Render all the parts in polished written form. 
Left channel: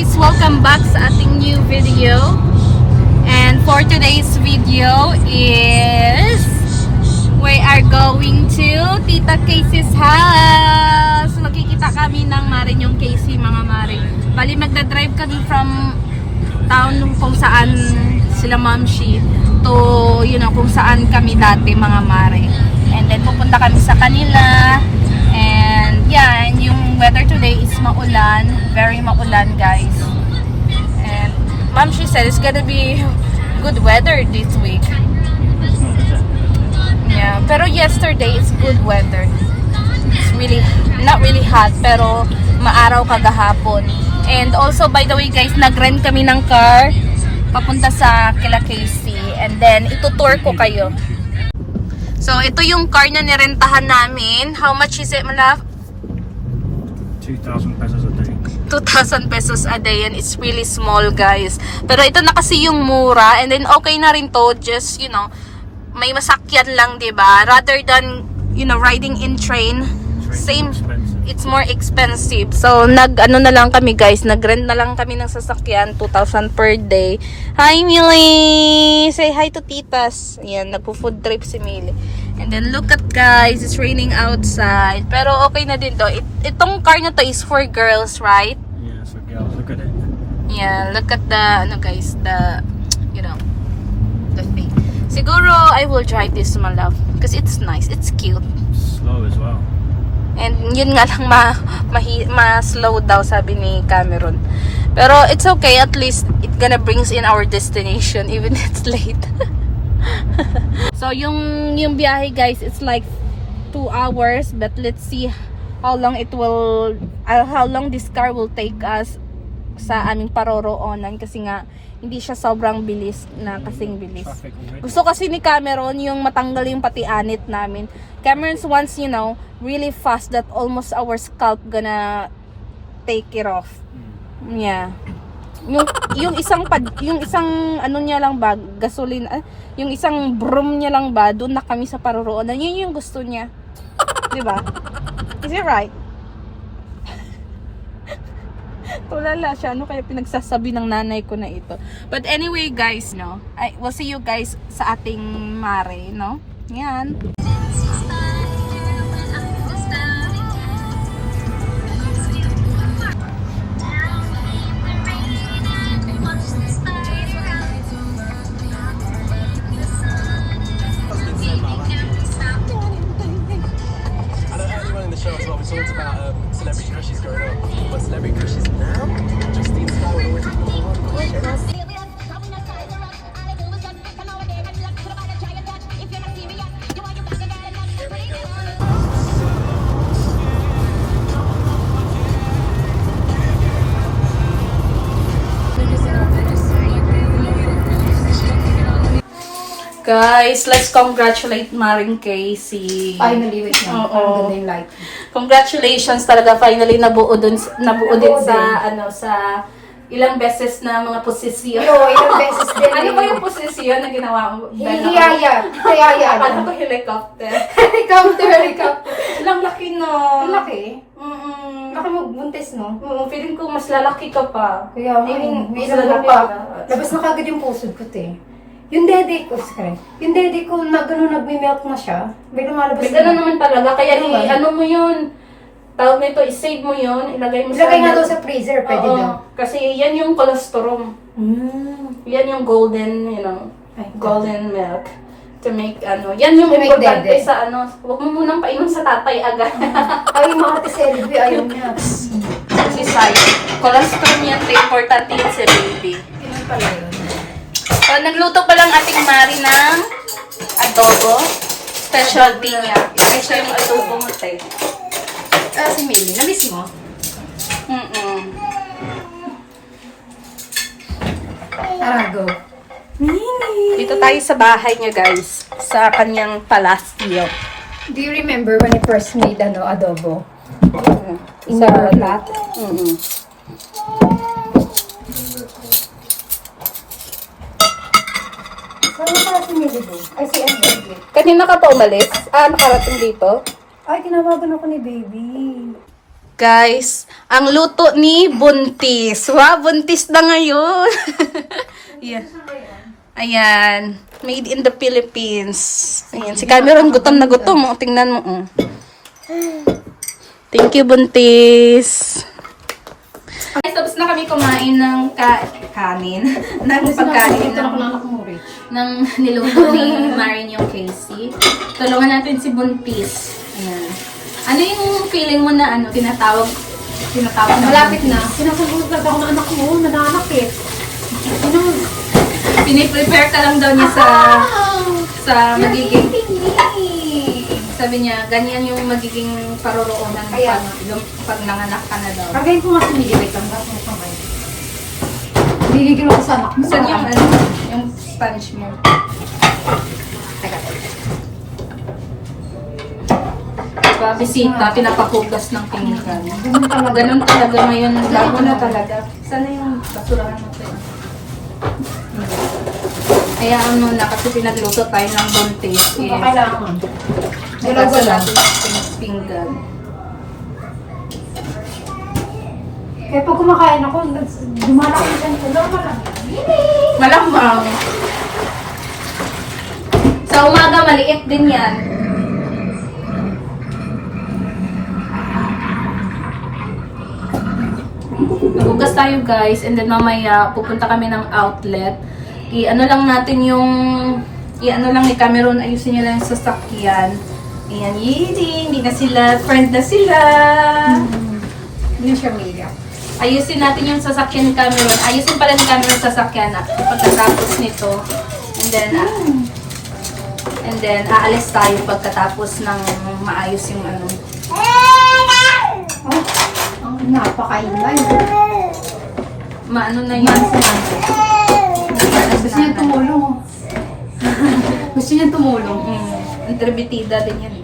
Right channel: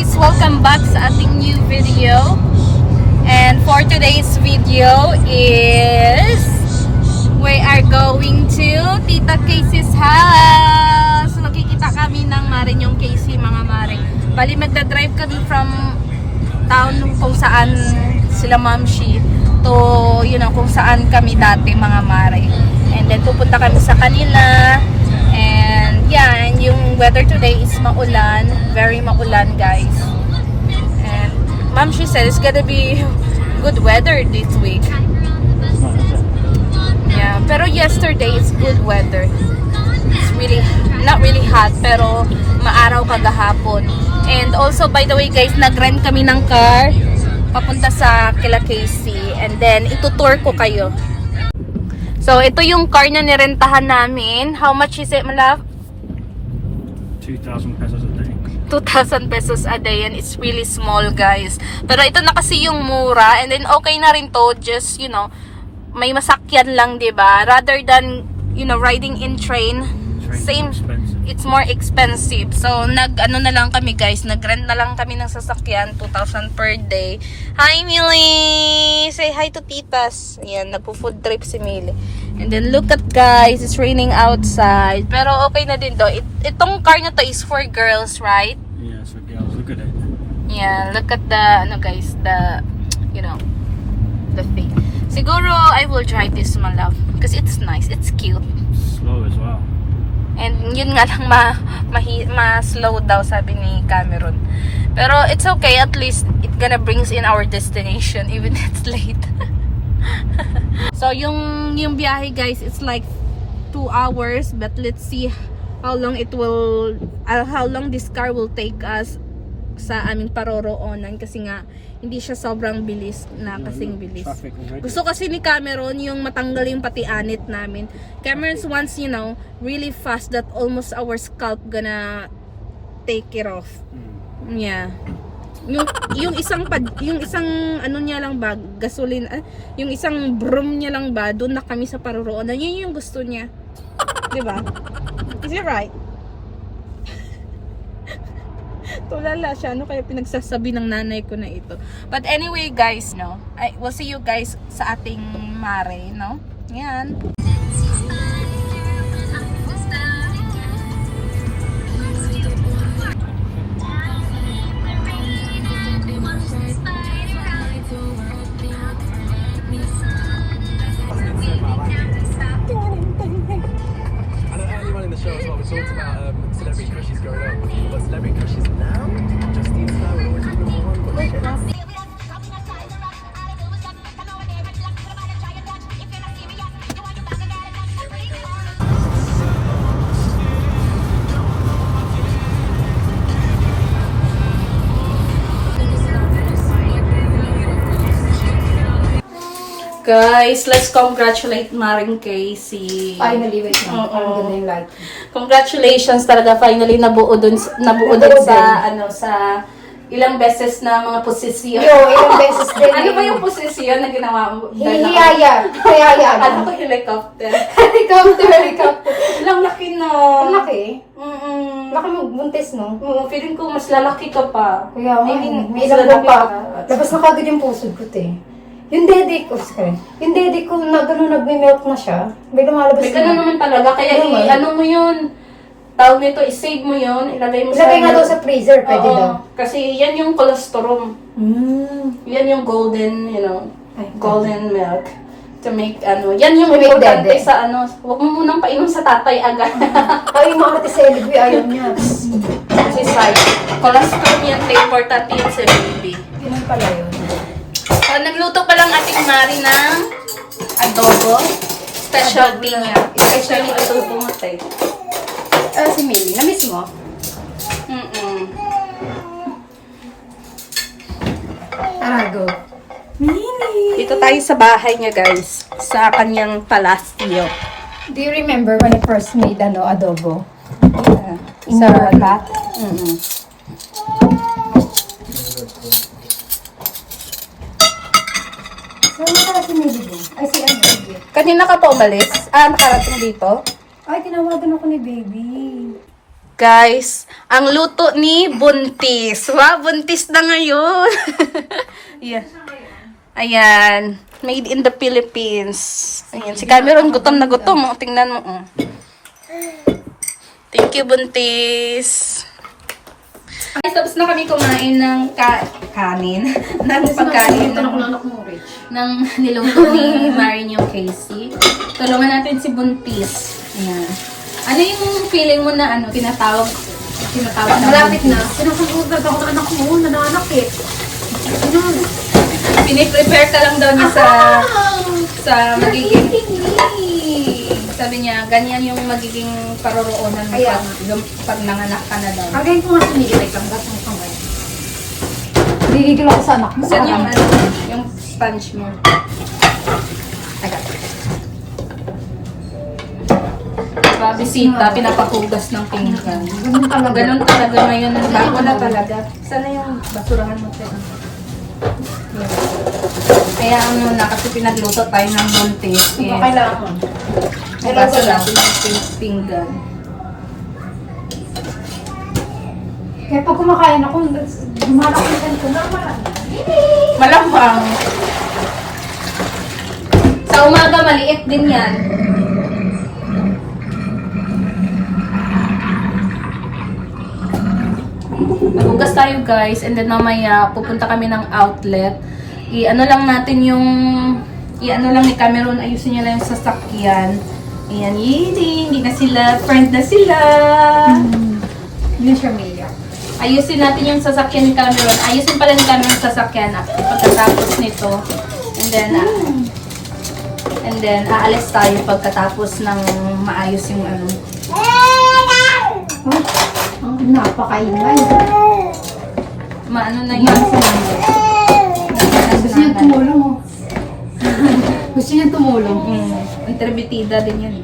guys! Welcome back sa ating new video. And for today's video is we are going to Tita Casey's house. Makikita kami ng Marinyong Casey, mga Mari. Bali magdadrive kami from town kung saan sila Mamshi to, kung saan kami dati, mga Mari. And then pupunta kami sa kanila. And yeah, and yung weather today is maulan, very maulan, guys. And Mom, she said it's gonna be good weather this week. Yeah, pero yesterday it's good weather. It's really not really hot, pero maaraw kagahapon. And also, by the way, guys, nag-rent kami ng car papunta sa kila Casey, and then itutour ko kayo. So, ito yung car na nirentahan namin. How much is it, Malaf? 2,000 pesos a day. 2,000 pesos a day, and it's really small, guys. Pero ito na kasi yung mura, and then okay na rin to, just, may masakyan lang, diba? Rather than, riding in train, same, it's more expensive. So, nag-ano na lang kami, guys, nag-rent na lang kami ng sasakyan, 2,000 per day. Hi, Millie! Say hi to titas. Ayan, nagpo-food trip si Millie. And then, look at, guys, it's raining outside. Pero okay na din to. Itong car na to is for girls, right? Yeah, so girls, look at it. Yeah, look at the, the thing. Siguro, I will drive this, my love. Because it's nice, it's cute. Slow as well. And yun nga lang, ma-slow daw, sabi ni Cameron. Pero it's okay, at least it gonna brings in our destination, even if it's late. So, yung biyahe, guys, it's like 2 hours, but let's see how long this car will take us sa aming paroroonan, kasi nga hindi siya sobrang bilis na kasing bilis. Gusto kasi ni Cameron yung matanggal yung pati anit namin. Cameron's wants, really fast that almost our scalp gonna take it off. Yeah. Yung isang ano niya lang ba, gasolina, yung isang broom niya lang ba, doon na kami sa paroroonan. Yun yung gusto niya. 'Di ba? Is it right? Tulala siya, ano kaya pinagsasabi ng nanay ko na ito. But anyway, guys, we'll see you guys sa ating mare, Yan. Show as well, we talked about celebrity crushes growing up, but celebrity crushes now, Justine Sky would always be number one. Guys, let's congratulate Maring Casey. Finally, wait na. Oo. Ang like. Congratulations talaga, finally nabuo din sa ilang beses na mga posisyon. Ilang beses din. Ano ba yung posisyon na ginawa mo? Hihiyaya. Akala ko helicopter. Helicopter. Ilang laki, no? Ang laki. Baka magbuntis, no? Oo, feeling ko mas lalaki ka pa. Kaya I mean, may mas ilang lalaki pa. ka. Labas na kagad yung pusod ko, te. Yung dede ko, na gano'n nagme-melt na siya. May lumalabas May gano'n naman talaga. Kaya ano mo yun? Tawag nito, i-save mo yun. Ilagay nga daw sa freezer, pwede daw. Kasi yan yung colostrum. Yan yung golden, golden milk. To make, yan yung importante sa huwag mo munang painom sa tatay agad. Ay, mga ate sa LB, ayaw niya. Kasi side, colostrum yan, importante yun sa baby. Ano pala yun? So, nagluto pa lang ating Mari ng adobo. Specialty niya. Special yung adobo mo, te. Si Millie, na-miss mo? Tara, go. Millie! Dito tayo sa bahay niya, guys. Sa kanyang palasyo. Do you remember when I first made adobo? Sa lahat? Saan si Millie doon? Ay, si Angie. Kanina ka pa umalis? Nakarating dito? Ay, tinawagan ako ni baby. Guys, ang luto ni Buntis. Wow, buntis na ngayon. Yeah. Ayan. Made in the Philippines. Ayan. Si Cameron, gutom na gutom. Oh, tingnan mo. Oh. Thank you, Buntis. Guys, tapos na kami kumain ng kanin. ng pagkain. Ng niluto ni Marin yung Casey. Tulungan natin si Buntis. Ayan. Ano yung feeling mo na tinatawag na Malapit na. Buntis? Sinusunod ako ng anak mo, nananakit. Piniprepare ka lang daw niya sa magiging, sabi niya, ganyan yung magiging paroroonan mo pag nanganak ka na daw. Kagayin ko nga sumilipit ang ba't mong kamay. Bigigil ako sa anak mo. Saan yung, yung sponge mo? Bisita, pinapakugas ng pinggan. Ganun talaga ngayon. Bago na talaga. Sana yung basurahan mo tayo. Kaya kasi pinagluto tayo ng buntis. Hindi kailangan. Basa natin ng pinggan. Kaya pag kumakain ako, dumarap ko yung ulam marami. Malamang. Sa umaga, maliit din yan. Magugas tayo guys, and then mamaya pupunta kami ng outlet. I-ano lang natin yung i-ano lang ni Cameron, ayusin niya lang yung sasakyan. Ayan, hindi na sila, friend na sila. Hindi siya umiyak. Ayusin natin yung sasakyan ni Cameron. Ayusin pala ni Cameron yung sasakyan pagkatapos nito. And then aalis tayo pagkatapos ng maayos yung ano. Oh, ang napakaingay. Maano na yan sa nanay. Gusto niya tumulong. Gusto niya tumulong. Interbitida din yan.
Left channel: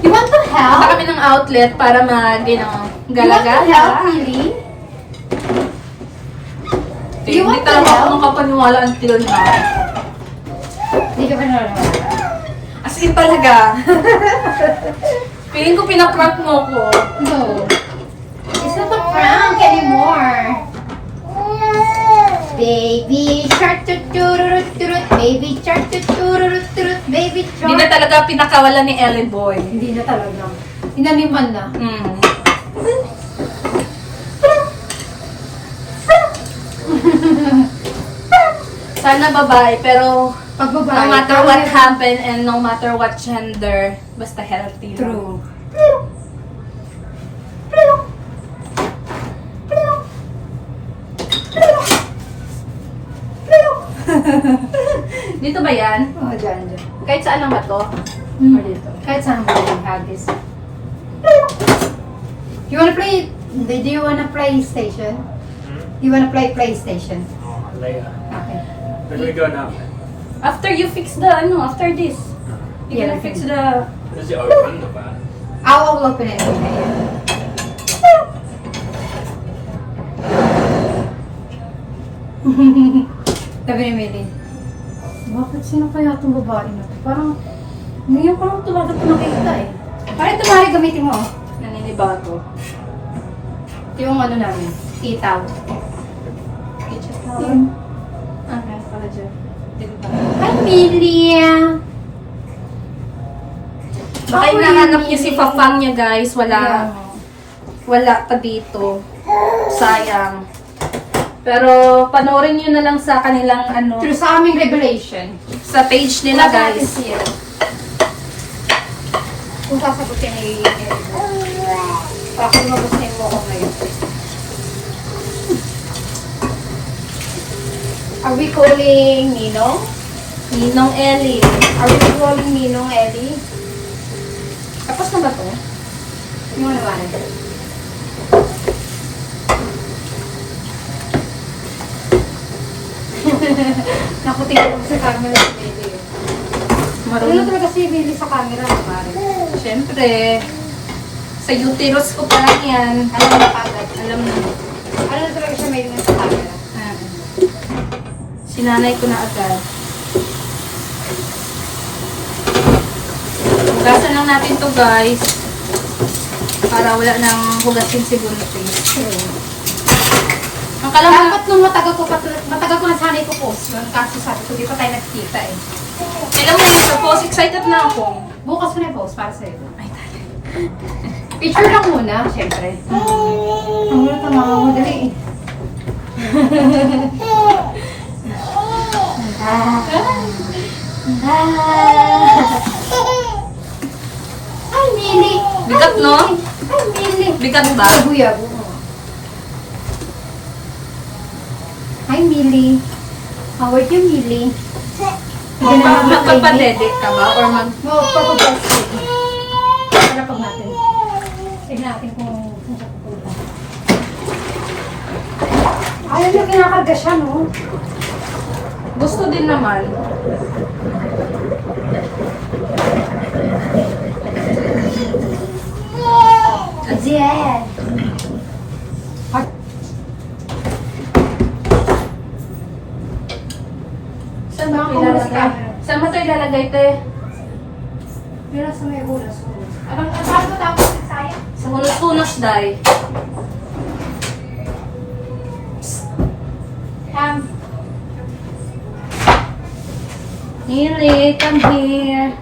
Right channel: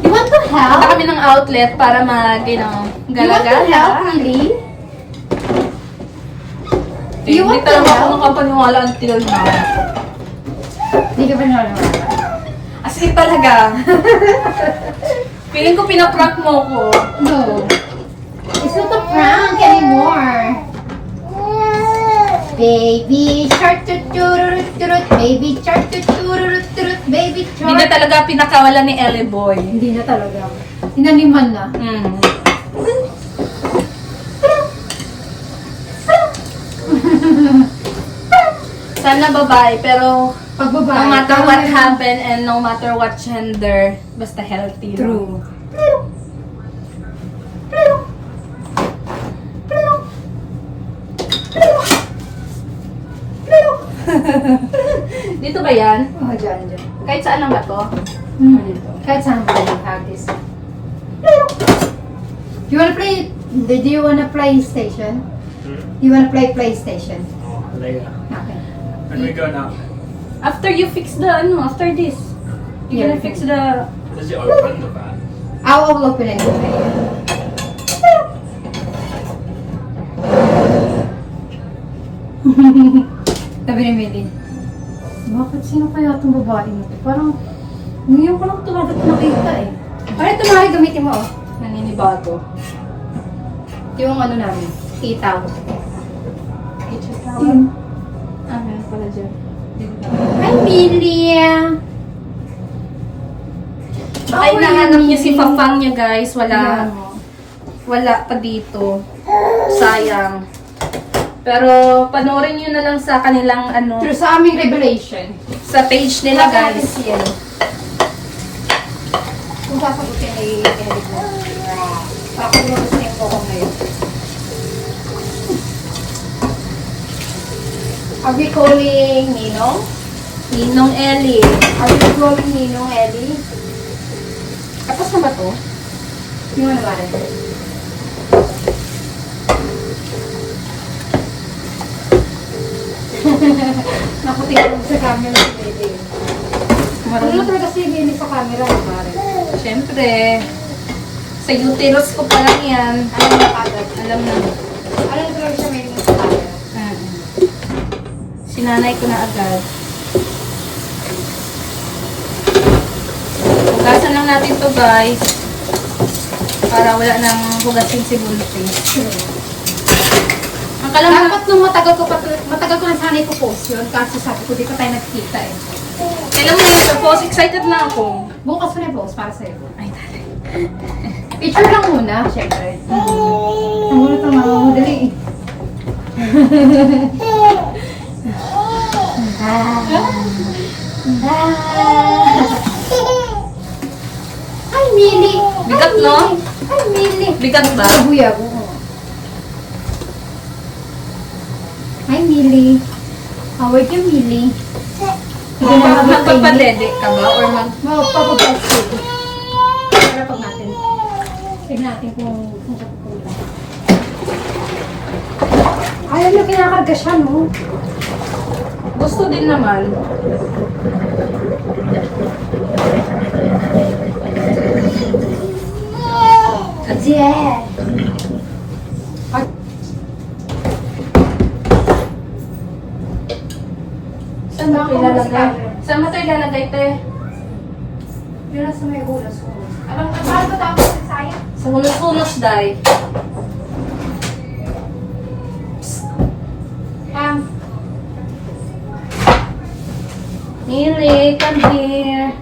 You want to help? Punta kami ng outlet para You want to help, gala-gala. really? Hindi talaga ako makapaniwala until now. Hindi ka pa nalalaman. As in talaga. Feeling ko pinaprank mo ko. No. It's not a prank anymore. Baby shark turut turut, baby shark turut turut, baby Hindi na shark. talaga pinakawalan ni Ellie Boy. Hindi na talaga. Inaniman na. Sana babae, pero Pag babae. no matter what happened and no matter what gender, basta healthy lang. True. Dito ba yan? Oh, dyan. Kahit saan lang ba to? Hmm. Kahit saan mo yung hagis. You wanna play? Do you wanna play PlayStation? You wanna play PlayStation? Later. Okay. Where do we go now? After you fix the, after this. You're Yeah. gonna fix the... Does it open the van? I'll open it. Okay. Sabi ni Meli, bakit sino kaya itong babae na to? Parang, ngayon ko lang talaga ito nakita eh. Parang ito na gamitin mo oh. Naninibago. Ito yung ano namin, itaw. Yun. Okay, pala dyan. Hi, Meli! Baka hinahanap niya si Fafang niya guys. Wala pa dito. Sayang. Pero panoorin niyo na lang sa kanilang Pero sa aming revelation, sa page nila guys. kung sasagutin ay bakit mo gusto mo ako ngayon? Are we calling Ninong? Ninong Ellie. Are we calling Ninong Eddie? Tapos na ba to? Hindi mo naman ito. Nakutin ko lang sa camera si Baby. Ano Marunong. talaga si Baby sa camera? Mari? Siyempre. Sa uterus ko pa lang yan. Ano na agad? Alam na. Ano na talaga siya may sa camera? Sinanay ko na agad. Hugasan lang natin to guys. Para wala nang hugasin si Bunte. Ang kalam na... Dapat nung matagal ko na sana ipopost yun. Kaso sabi ko, di pa tayo nagkita eh. Kailan mo na yun sa post? Excited na ako. Bukas ko na i-post para sa'yo. Ay, tali. Picture lang muna, syempre. Ang muna tama, madali eh. Ay, Mili! Bigat, no? Ay, Mili! Bigat ba? Buyag, oo. Hi, Mili. How are you, Mili? Magpapadede ka ba? Or Magpapabest ko. Para pag natin. Tignan natin kung siya pupunta. Ayaw na kinakarga siya, no? Gusto din naman. Ajen! Saan ba ito ilalagay? Saan ba ito ilalagay, te? Yun nasa may ulas ko. Alam ka, saan tapos sa sayang? Sa hunos-hunos, day. Come. Miri, come here.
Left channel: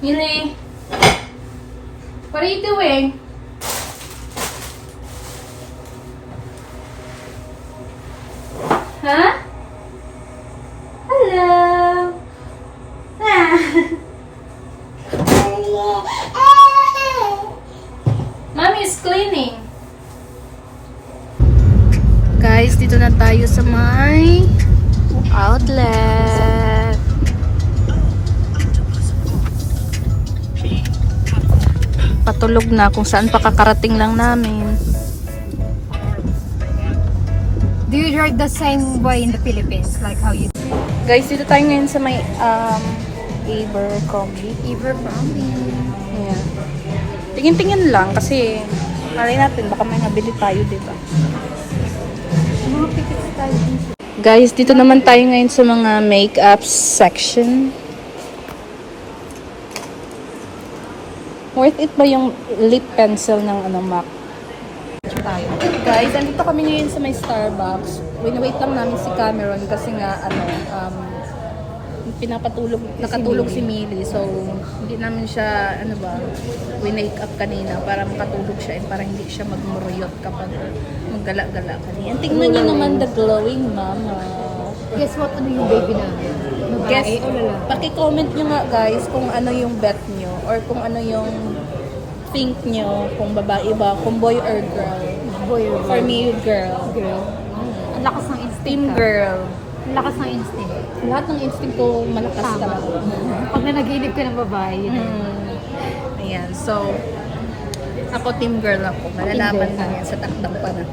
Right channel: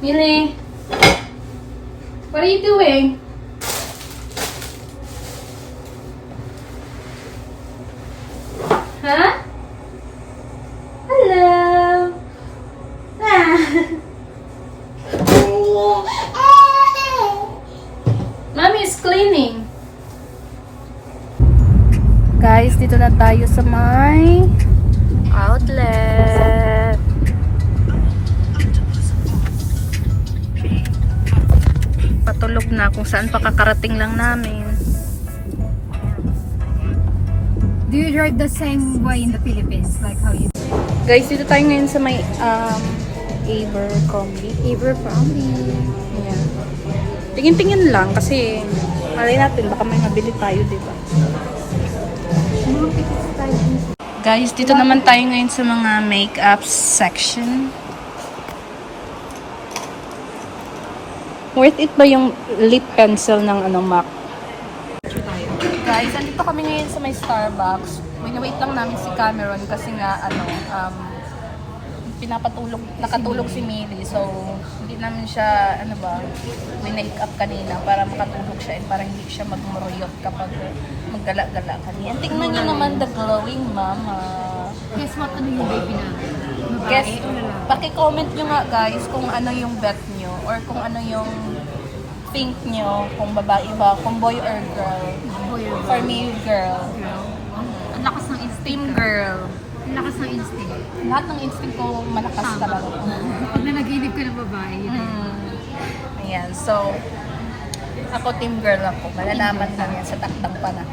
Miri, what are you doing? Huh? Hello. Ah. Mommy is cleaning. Guys, dito na tayo sa may outlet. Patulog na kung saan pa kakarating lang namin. Do you drive the same way in the Philippines? Like how you... Guys, dito tayo ngayon sa may Abercrombie. Abercrombie. Yeah. Tingin-tingin lang kasi malay natin baka may mabili tayo, di ba? Mga pipits tayo dito. Guys, dito naman tayo ngayon sa mga makeup section. Worth it ba yung lip pencil ng MAC? Tayo. Guys, andito kami ngayon sa may Starbucks. Wait lang namin si Cameron kasi nga nakatulog si Millie. So, hindi namin siya, winake up kanina para makatulog siya and para hindi siya magmuruyot kapag maggala-gala kanina. Tingnan niyo naman the glowing mama. Guess what? Ano yung baby namin? Babae o lalaki? Paki-comment nyo nga guys kung ano yung bet nyo or kung ano yung think nyo, kung babae ba, kung boy or girl. Boy or For me, girl. girl? Ang lakas ng instinct. Team ka. girl. Ang lakas ng instinct. Lahat ng instinct ko malakas Tama. talaga. Pag nanaginip ka ng babae, yun. Ayan, so ako team girl ako. Malalaman Team girl lang ka. yan sa takdang panahon.